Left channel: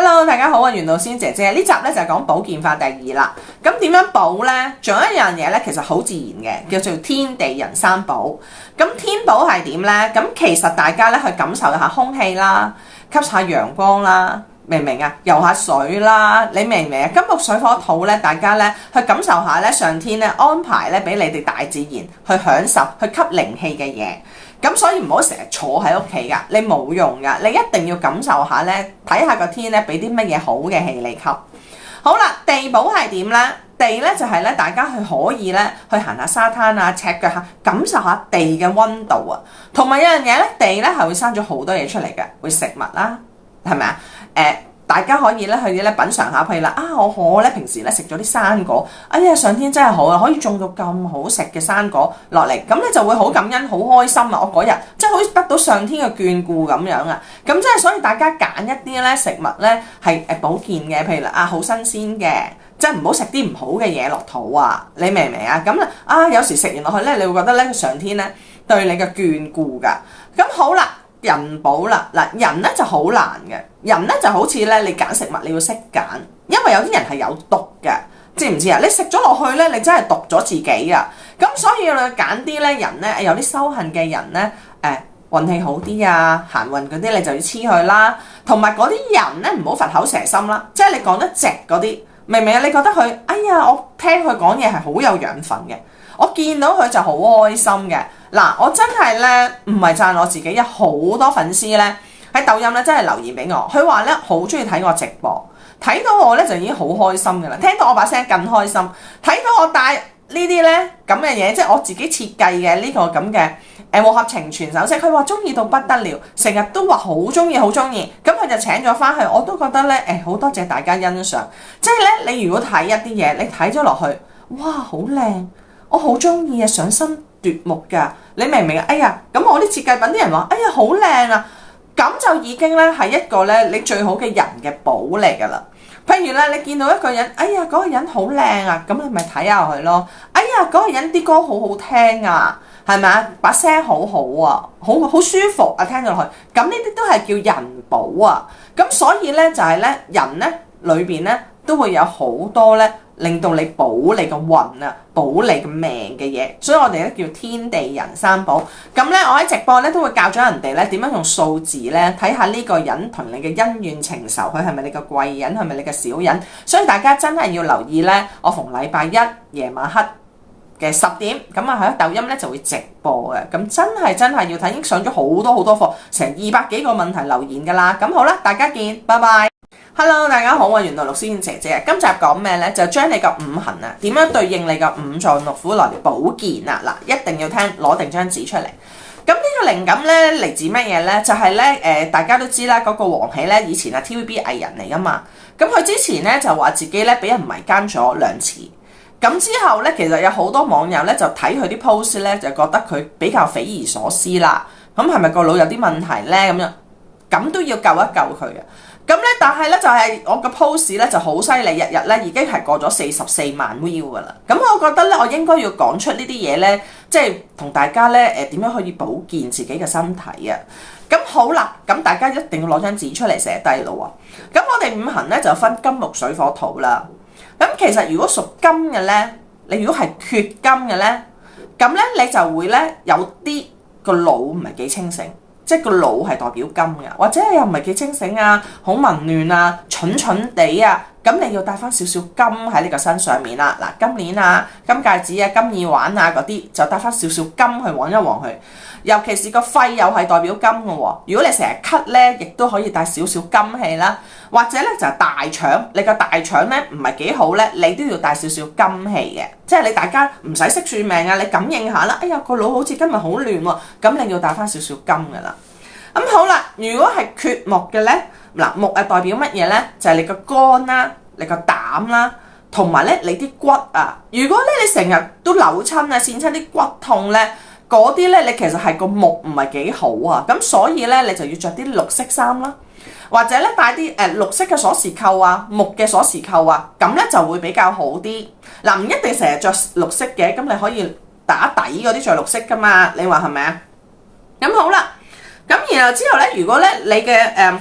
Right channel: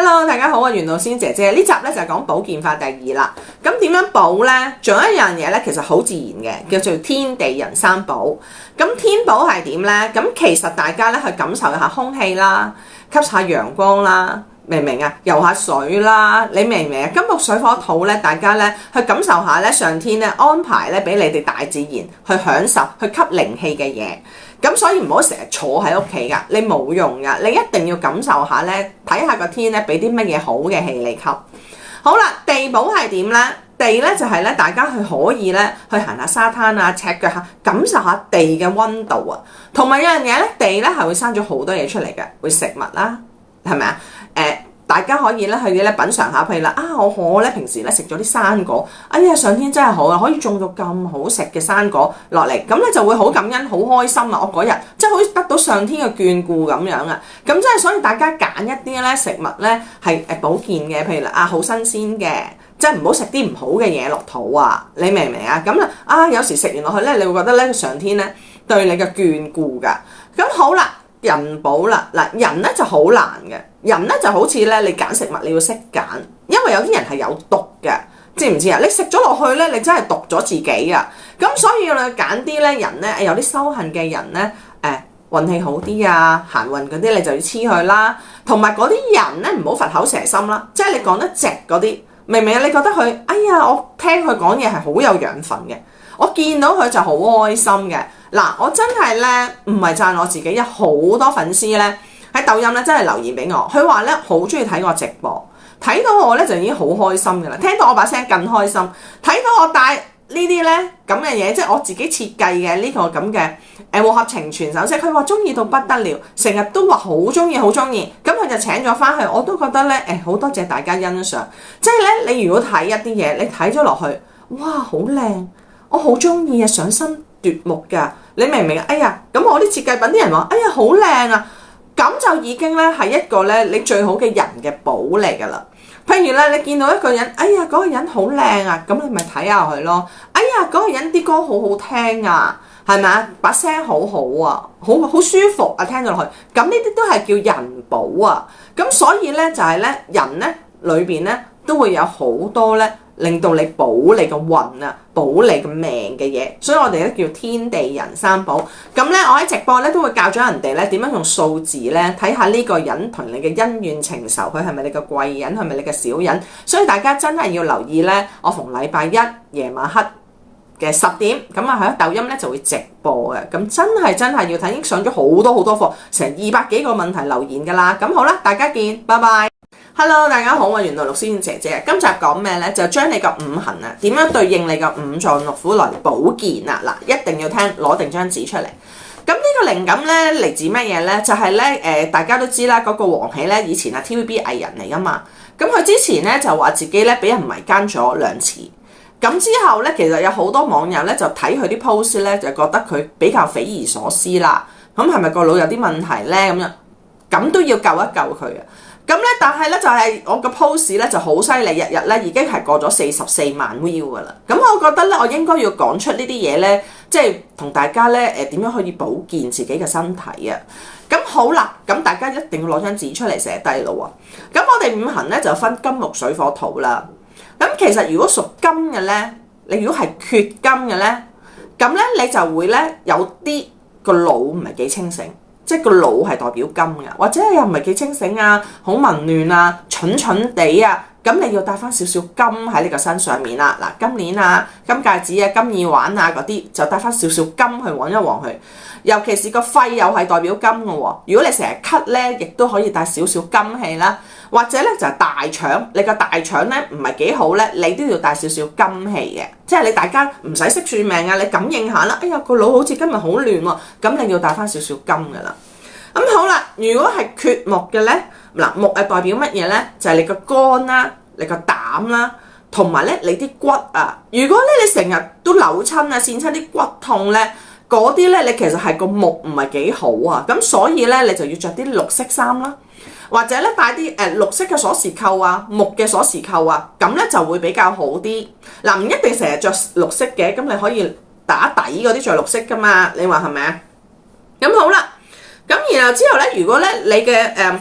Hello， 大家好啊，袁老師姐姐，呢集咧就係講保健法第2啦。咁點樣補呢？仲有一樣嘢咧，其實好自然嘅，叫做天地人三寶。咁天寶係點呢？咁其實大家咧去感受一下空氣啦，吸下陽光啦，明唔明啊？游下水啦，你明唔明啊？金木水火土咧，大家咧去感受下咧，上天咧安排咧俾你哋大自然去享受，去吸靈氣嘅嘢。咁所以唔好成日坐喺屋企噶，你冇用噶，你一定要感受下咧，睇下個天咧俾啲乜嘢好嘅氣你吸。好啦，地寶係點咧？地咧就係咧，大家去可以咧去行下沙灘啊，赤腳下，感受下地嘅溫度啊。同埋有樣嘢咧，地咧係會生咗好多嘢出嚟嘅，會食物啦，係咪啊？大家可以咧去咧品嚐下，譬如啦，我咧平時咧食咗啲生果，哎呀上天真係好啊，可以種到咁好食嘅生果落嚟，咁你就會好感恩、好開心啊！我嗰日即係好似得到上天嘅眷顧咁樣啊！咁即係所以大家揀一啲咧食物咧係保健嘅，譬如啦好新鮮嘅，即係唔好食啲唔好嘅嘢落肚啊！你明唔明啊？咁有時食完落去咧，你會覺得咧上天咧對你嘅眷顧㗎。咁好啦。人寶啦，嗱人咧就好難嘅，人咧就好似咧你揀食物你要識揀，因為有啲人係有毒嘅，知唔知啊？你食咗落去咧，你真係毒咗自己啊！咁所以咧揀啲咧人咧有啲修行嘅人咧，運氣好啲啊，行運嗰啲你就要黐佢啦，同埋嗰啲人咧唔好佛口蛇心啦，即係你講得直嗰啲，明唔明啊？你覺得佢，哎呀，我聽佢講嘢係好有養分嘅，我見到佢就好開心嘅。嗱，我真係咧唔係讚我自己，有好多粉絲咧喺抖音咧真係留言俾我，佢話咧好中意睇我直播，睇到我咧就已經好開心㗎啦，聽到我把聲更開心，睇到我戴呢啲咧咁嘅嘢，即係我自己設計嘅呢個咁嘅和合情全首飾，佢話中意到不得了，成日都話好中意好中意，咁佢就請咗翻去，我都覺得咧好多謝大家欣賞，即係咧你如果睇一啲嘢，你睇咗落去，哇好靚，我好中意啊，賞心奪目噶，你明唔明啊？哎呀，咁我啲設計品啲人話，哎呀好靚啊，咁就已經咧係一個咧你最好嘅人嘅寶嚟噶啦。譬如咧，你見到一個人，哎呀嗰個人好靚啊，咁你咪睇下佢咯。哎呀嗰個人啲歌好好聽啊，係咪啊？把聲好好啊，好舒服啊，聽咗落去。咁呢啲都係叫人寶啊。咁所以咧就係咧人咧裏邊咧都會有好多咧。令到你保你個運啊，保你個命嘅嘢，所以我哋咧叫天地人三寶。咁咧，我喺直播咧都會教咗人哋咧點樣用數字咧睇下呢個人同你嘅恩怨情仇，佢係咪你嘅貴人，係咪你嘅小人？所以大家真係要留意咧，我逢禮拜一夜晚黑嘅10點，咁啊喺抖音咧就會直播嘅。咁真係要睇，已經上咗好多課，成200幾個問題留言㗎啦。咁好啦，大家見，拜拜。Hello， 大家好，我係玄道六仙姐姐。今集講咩呢？就將你個五行啊，點樣對應你個五臟六腑來保健啊！嗱，一定要聽，攞定張紙出嚟。咁呢個靈感呢，嚟自乜嘢呢？就係呢，大家都知啦，嗰個黃喜呢，以前係 TVB 藝人嚟噶嘛。咁佢之前呢，就話自己呢，俾人迷姦咗2次。咁之後呢，其實有好多網友呢，就睇佢啲 post 呢，就覺得佢比較匪夷所思啦。咁係咪個腦有啲問題呢？咁樣咁都要救一救佢啊！咁咧，但係咧就係我個 post 咧就好犀利，日日咧已經係過咗44萬 view 噶啦。咁我覺得咧，我應該要講出呢啲嘢咧，即係同大家咧點樣可以保健自己嘅身體啊。咁好啦，咁大家一定要攞張紙出嚟寫低咯喎。咁我哋五行咧就分金木水火土啦。咁其實如果屬金嘅咧，你如果係缺金嘅咧，咁咧你就會咧有啲個腦唔係幾清醒。即係個腦係代表金嘅，或者又唔係幾清醒啊，好紊亂啊，蠢蠢地啊，咁你要帶翻少少金喺你個身上面啦。嗱，金鏈啊、金戒指啊、金耳環啊嗰啲，就帶翻少少金去旺一旺佢。尤其是個肺又係代表金嘅喎，如果你成日咳咧，亦都可以帶少少金氣啦。或者咧就係大腸，你個大腸咧唔係幾好咧，你都要帶少少金氣嘅。即係你大家唔使識算命啊，你感應下啦。哎呀個腦好似今日好亂喎，咁你要帶翻少少金嘅啦。咁好啦，如果係缺木嘅咧，嗱木係代表乜嘢咧？就係你個肝啦、你個膽啦，同埋咧你啲骨啊。如果咧你成日都扭親啊、跣親啲骨痛咧，嗰啲咧你其實係個木唔係幾好啊。咁所以咧你就要着啲綠色衫啦，或者咧帶啲綠色嘅鎖匙扣啊、木嘅鎖匙扣啊，咁咧就會比較好啲。嗱，唔一定成日着綠色嘅，咁你可以打底嗰啲着綠色噶嘛。你話係咪啊？咁好啦。咁然後之後咧，如果咧你嘅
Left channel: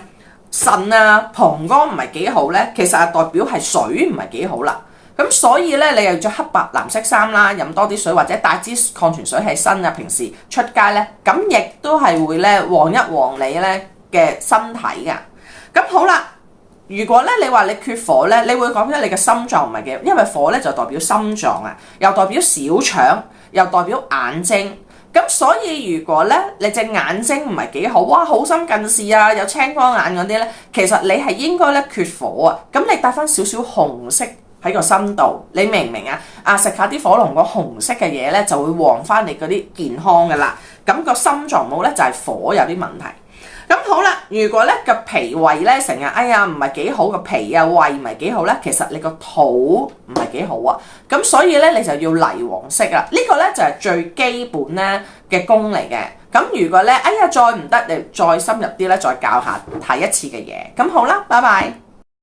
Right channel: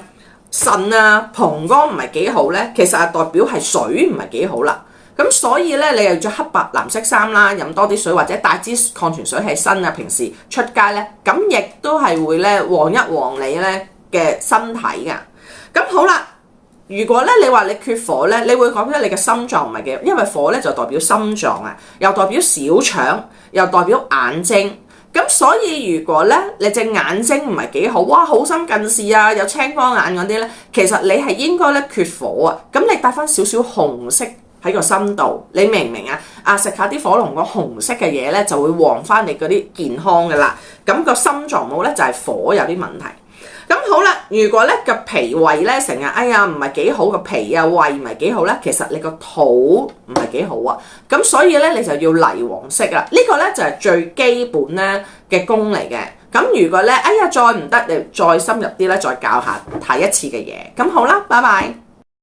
腎啊、膀胱唔係幾好咧，其實係代表係水唔係幾好啦。咁所以咧，你又着黑白藍色衫啦，飲多啲水或者帶支礦泉水喺身啊，平時出街咧，咁亦都係會咧旺一旺你咧嘅身體噶。咁好啦，如果咧你話你缺火咧，你會講咗你嘅心臟唔係幾好，因為火咧就代表心臟啊，又代表小腸，又代表眼睛。咁所以如果咧你隻眼睛唔係幾好，哇好深近視啊，有青光眼嗰啲咧，其實你係應該咧缺火啊。咁你帶翻少少紅色喺個心度，你明唔明啊？食下啲火龍果紅色嘅嘢咧，就會旺翻你嗰啲健康噶啦。咁個心臟唔好咧，就係火有啲問題。咁好啦，如果咧個脾胃咧成日唔係幾好，個脾啊胃唔係幾好咧，其實你個肚唔係幾好啊。咁所以咧你就要泥黃色啦。呢個咧就係最基本咧嘅功嚟嘅。咁如果咧再唔得，你再深入啲咧，再教下睇一次嘅嘢。咁好啦，拜拜。